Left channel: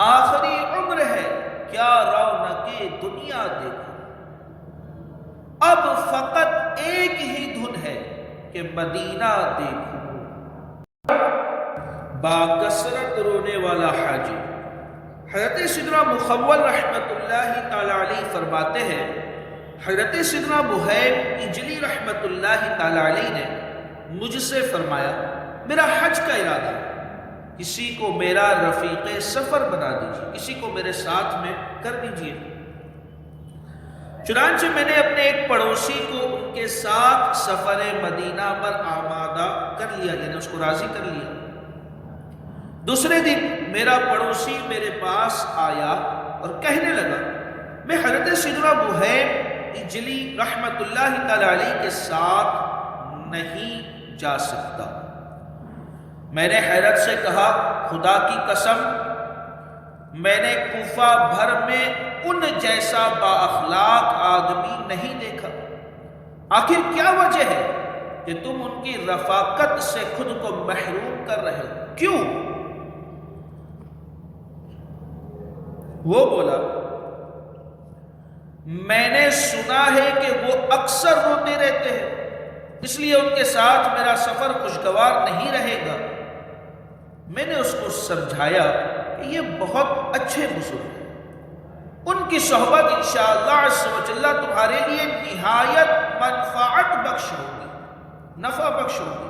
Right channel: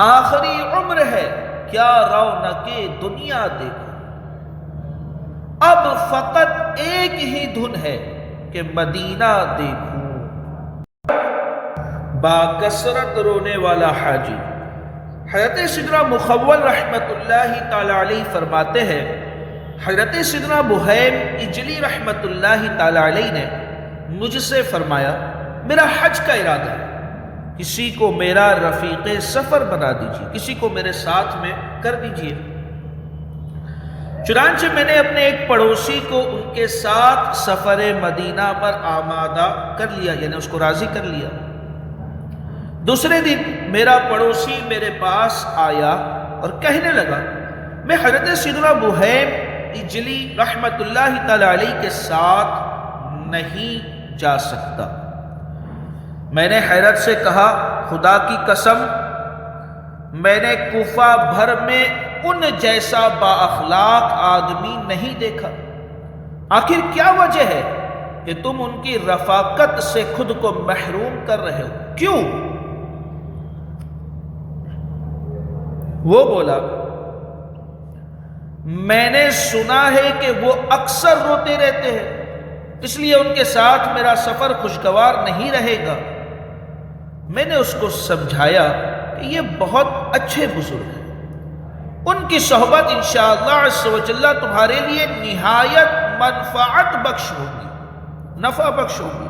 آخری عمر ہے، کیا رونق دنیا دیکھو، اب فقط ایک ہی دھن ہے کہ مدینہ دیکھوں۔ باکثرت رونے والا حاجی حضرت سیدنا مخول رحمت اللہ تعالی علیہ فرماتے ہیں، حضرت سیدنا بحیر اجلی رحمت اللہ تعالی علیہ نے مجھ سے فرمایا میرا حج کا ارادہ ہے، کسی کو میرا رفیق سفر بنا دیجیے، کسی کو میرے ساتھ میں کر دیجیے۔ چنانچہ میں نے اپنے ایک پڑوسی کو ان کے ساتھ سفر مدینہ پر آمادہ کر لیا، یعنی اس کو راضی کر لیا۔ دوسرے دن میرا پڑوسی میرے پاس آیا اور کہنے لگا میں حضرت سیدنا بحیر اجلی رحمت اللہ تعالی علیہ کے ساتھ نہیں جا سکتا۔ میں نے حیرت سے کہا خدا کی قسم میں نے کوفہ بھر میں ان جیسا با اخلاق آدمی نہیں دیکھا، آخر کیا وجہ ہے کہ تم ان کی رفاقت سے خود کو محروم کر رہے ہو، کیوں؟ وہ بولا میں نے سنا ہے کہ وہ اکثر روتے رہتے ہیں، اس لیے ان کے ساتھ میرا سفر خوشگوار نہیں رہے گا۔ میں نے اس کو سمجھایا کہ یہ بہت اچھے بزرگ ہیں، ان کی صحبت انشاءاللہ عز و جل تمہارے لیے نہایت منفعت بخش ہوگی، نفع بخش ہوگی۔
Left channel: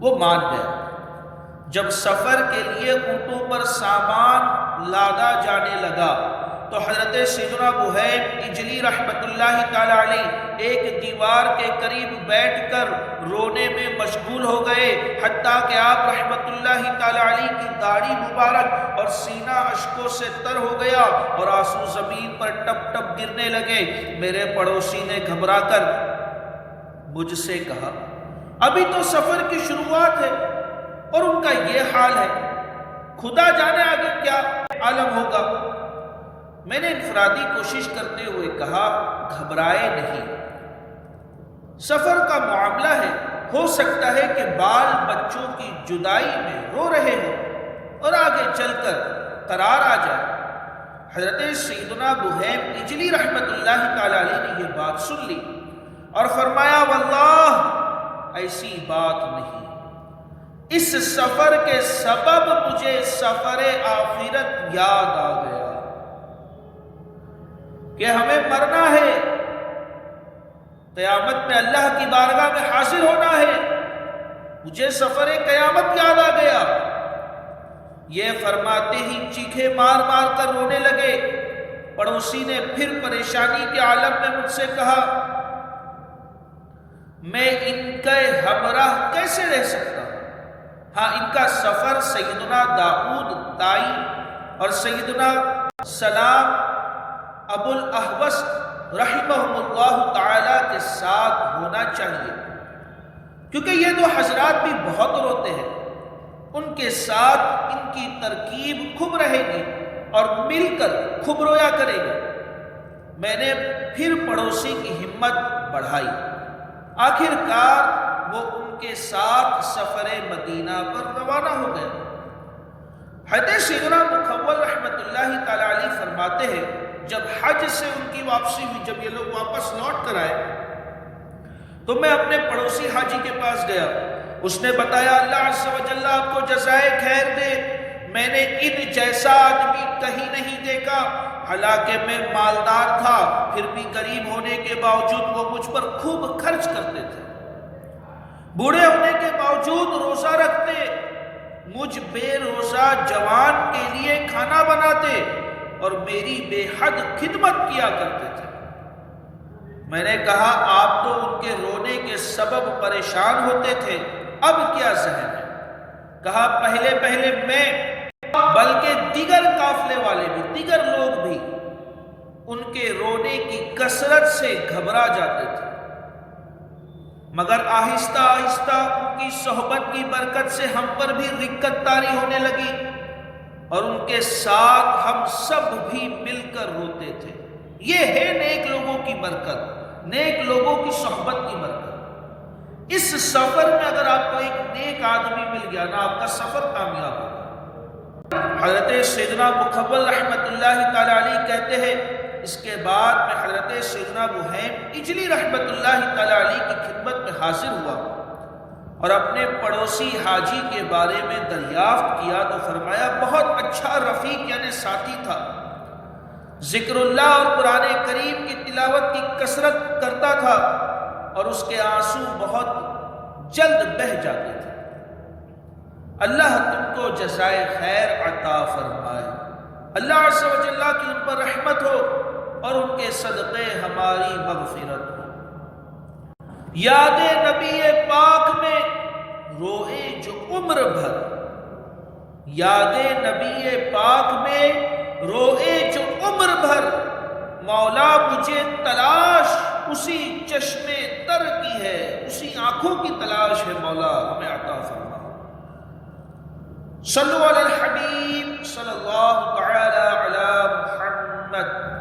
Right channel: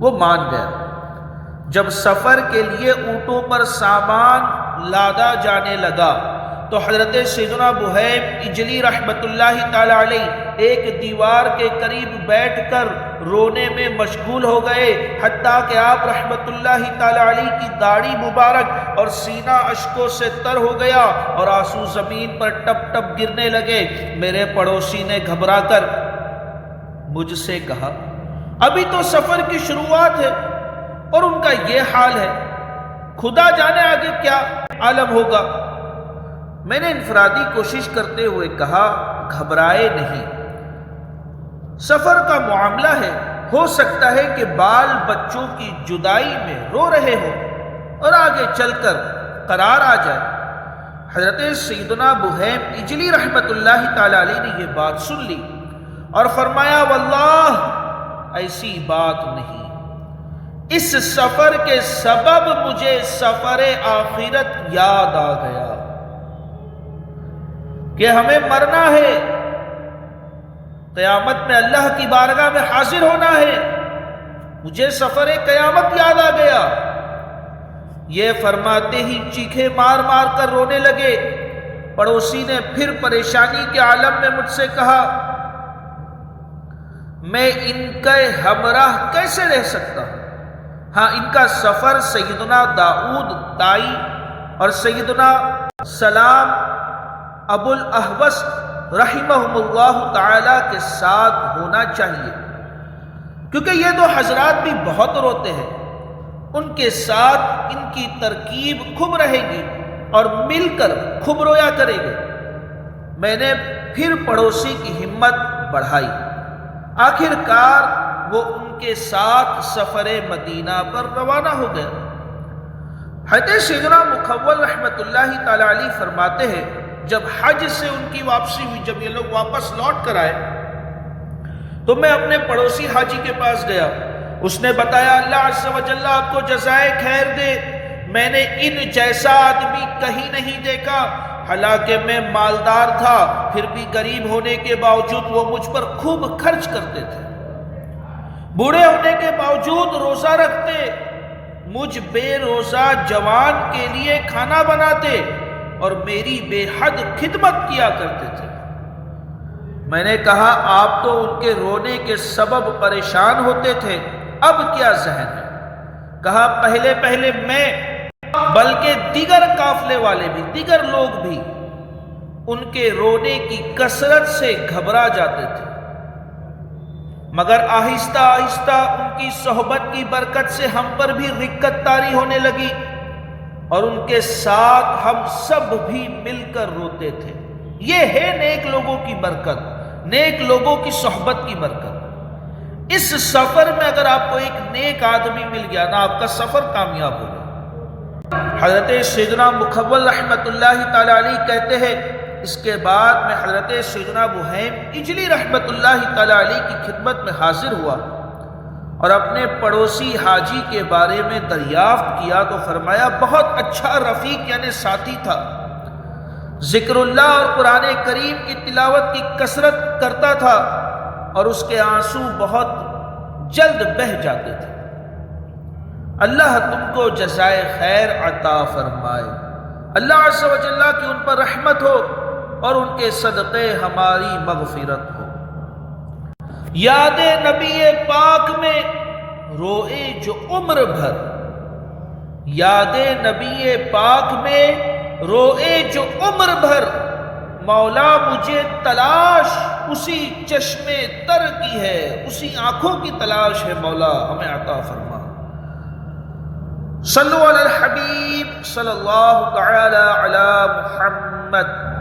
وہ مان گیا۔ جب سفر کے لیے اونٹوں پر سامان لادا جانے لگا تو حضرت سیدنا بحیر اجلی رحمت اللہ تعالی علیہ ایک دیوار کے قریب بیٹھ کر رونے میں مشغول ہو گئے، حتیٰ کہ آپ رحمت اللہ تعالی علیہ کی داڑھی مبارک اور سینہ اشکوں سے تر ہو گیا اور آنسو زمین پر ٹپ ٹپ گرنے لگے۔ میرے پڑوسی نے گھبرا کر مجھ سے کہا ابھی تو سفر کی شروعات ہے اور ان کا یہ حال ہے، خدا جانے آگے کیا عالم ہوگا۔ میں نے انفرادی کوشش کرتے ہوئے کہا گھبرائے نہیں، سفر کا معاملہ ہے، ہو سکتا ہے کہ بال بچوں کی جدائی میں رو رہے ہو اور آگے چل کر قرار آ جائے۔ حضرت سیدنا بحیر اجلی رحمت اللہ تعالی علیہ نے یہ بات سن لی اور فرمایا واللہ ایسی بات نہیں، اس سفر کے سبب مجھے سفر آخرت یاد آ گیا کہ ہمیں مرنا ہے، قیامت میں اللہ کی بارگاہ میں حاضر ہونا ہے، مجھے سفر قیامت یاد آ گیا۔ یہ فرماتے ہی چیخے مار مار کر رونے لگے۔ پڑوسی نے پھر پریشانی کے عالم میں مجھ سے کہا میں ان کے ہمراہ کیسے رہ سکتا ہوں؟ ہاں ان کا سفر سیدنا داؤد دائی اور سیدنا سلام ابو الاحوص رحمہم اللہ تعالی کے ساتھ ہونا چاہیے، کیونکہ یہ دو حضرات بھی بہت روتے ہیں، ان کے ساتھ ان کی ترکیب خوب رہے گی اور مل کر خوب رویا کرے گے۔ میں نے پھر پڑوسی کی ہمت بڑھائی، آخر کار وہ ان کے ساتھ سفر مدینہ پر روانہ ہو گیا۔ حضرت سیدنا مخول رحمت اللہ تعالی علیہ فرماتے ہیں جب حج سے ان کی واپسی ہوئی، جب یہ لوگ واپس لوٹ کر آئے تو میں اپنے پڑوسی حاجی کے پاس گیا، اس نے بتایا اللہ عز و جل آپ کو جزائے خیر دے، میں نے ان جیسا آدمی کہیں نہیں دیکھا، حالانکہ میں مالدار تھا پھر بھی غریب ہونے کے باوجود وہ مجھ پر خوب خرچ کرتے تھے، بوڑھے ہونے کے باوجود روزہ رکھتے، مجھ بے روزہ جوان کے لیے کھانا بناتے اور میری بے حد خدمت کیا کرتے تھے۔ میں نے کہا آپ تو ان کے رونے کے سبب پریشان ہوتے تھے، اب کیا ذہن ہے؟ کہا پہلے پہلے میں بلکہ دیگر قافلے والے بھی، دیگر لوگ بھی ان کے رونے کی کثرت سے گھبرا جاتے تھے، مگر آہستہ آہستہ ان کی صحبت کی برکت سے ہم پر بھی رقت طاری ہونے لگی اور ان کے ساتھ ہم سب بھی مل کر روتے تھے۔ یہ ہے نیک لوگوں کی برکت، نیک لوگوں کی صحبت کی برکت۔ اس سفر میں اگر آپ کو ایک نیک آدمی مل گیا نا، آپ کا سفر کامیاب ہوگا۔ حضرت سیدنا مکھول رحمۃ اللہ تعالی علیہ کہتے ہیں اس کے بعد میں حضرت سیدنا بہیم اجلی رحمۃ اللہ تعالی علیہ کی خدمت میں حاضر ہوا اور اپنے پڑوسی حاجی کے بارے میں دریافت کیا تو فرمایا بہت اچھا رفیق یعنی ساتھی تھا، ذکر اللہ اور قرآن کریم کی تلاوت کی کثرت کرتا تھا اور اس کے آنسو بہت جلد بہہ جاتے تھے۔ اللہ تم کو جزائے خیر عطا فرمائے، اللہ عز و جل کی ان پر رحمت ہو اور ان کے صدقے ہماری مغفرت ہو۔ یاد نبی پاک میں روئے جو عمر بھر، یاد نبی پاک میں روئے جو عمر بھر، مولا مجھے تلاش اسی چشمے تر کی ہے، اسی آنکھوں کی تلاش ہے، مولا ہمیں عطا فرما۔ صلو علی الحبیب صلی اللہ تعالی علی محمد۔